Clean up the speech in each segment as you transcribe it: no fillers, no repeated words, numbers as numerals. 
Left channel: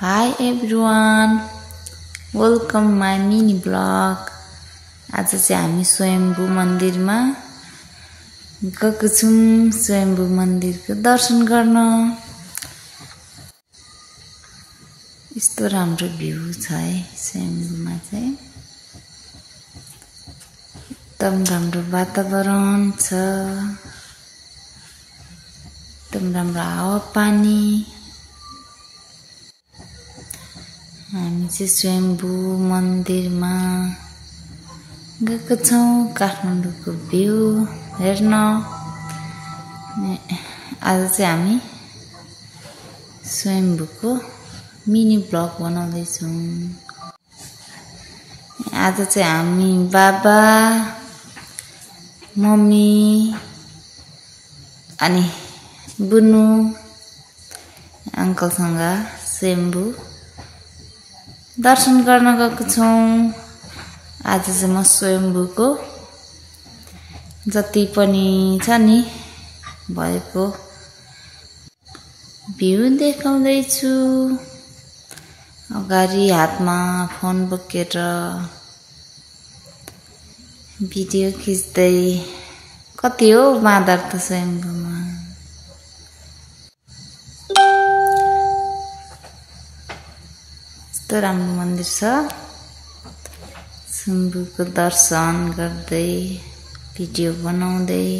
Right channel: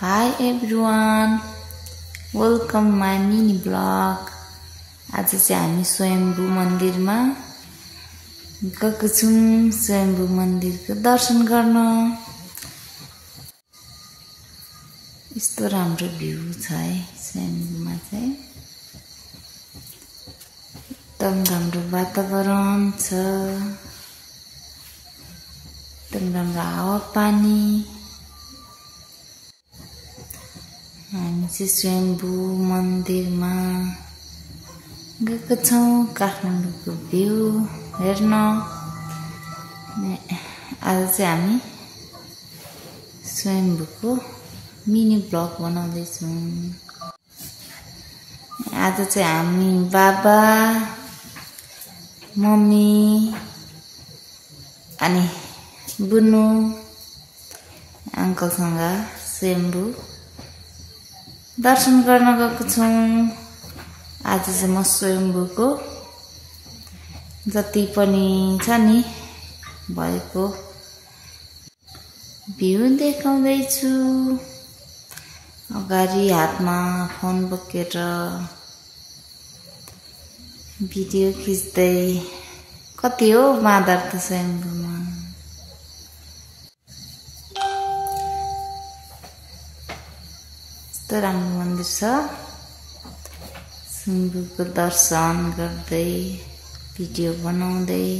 Hi everyone, welcome my mini vlog. आज चाहिँ हामी स्वयम्भू मन्दिरमा गएको छौं। स्वयम्भू मन्दिरको दर्शन गर्न। यस्तो राम्रो भ्यू छ है स्वयम्भूमा चाहिँ। एकदम राम्रो वातावरण छ। एकदम राम्रो हावापानी। हामी चाहिँ स्वयम्भू मन्दिरमा गएको छौं काठमाडौँको भ्यू हेर्न। आज चाहिँ हामी स्वयम्भूको मिनी ब्लग बनाउँदै छौं। आज चाहिँ हामी बाबा, मम्मी अनि बुनु अंकलसँग स्वयम्भू दर्शन गर्न गएको छौं। आज चाहिँ म स्वयम्भूको जति पनि छ नि भएको भ्यू देखाउँदै छु। अगाडि हातमा फोन बोकेर भिडियो खिच्दै। कति हो बाँदर त स्वयम्भूमा। यस्तो राम्रो मन्दिर छ। स्वयम्भूको दर्शन गर्दै भिडियो बनाउँदै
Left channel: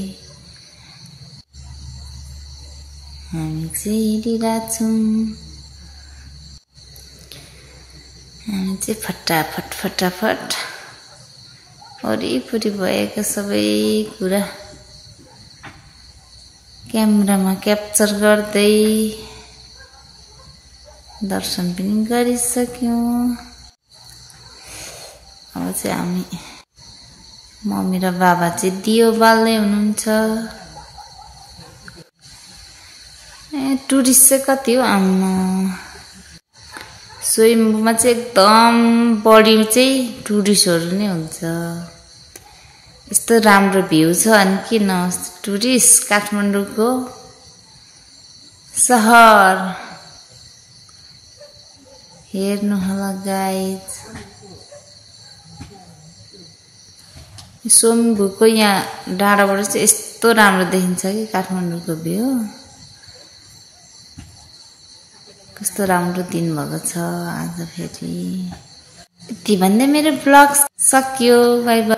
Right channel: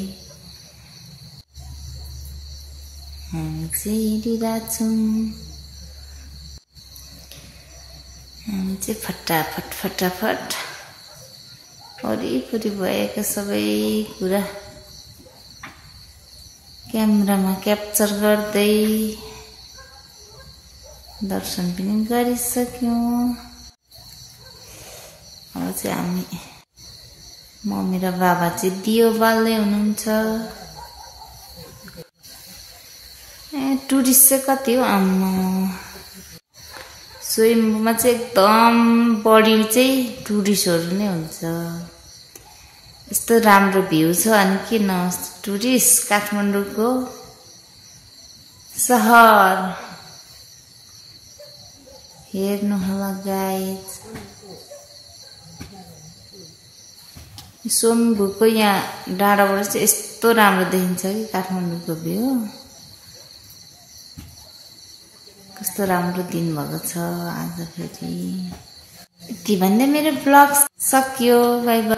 हामी चाहिँ हिँडिरहेछौं। हामी चाहिँ फटाफट वरिपरि भएको सबै कुरा क्यामेरामा क्याप्चर गर्दै दर्शन पनि गरिसक्यौं। अब चाहिँ हामी मम्मी र बाबा चाहिँ दियो बाल्दै हुनुहुन्छ। टुरिस्ट चाहिँ कति हो आम्मा। स्वयम्भूमा चाहिँ एकदम बढी चाहिँ टुरिस्टहरु नै हुन्छ। यस्तो राम्रो भ्यू छ अनि किन टुरिस्ट काठमाडौँको शहर हेर्नु होला गाइज। स्वयम्भूको यहाँ डाँडाबाट चाहिँ यस्तो राम्रो देखिन्छ कि काठमाडौँको भ्यू। कस्तो राम्रो दिन भएको छ आज फेरि। यति भन्दै मेरो भ्लग सकियो। Bye bye.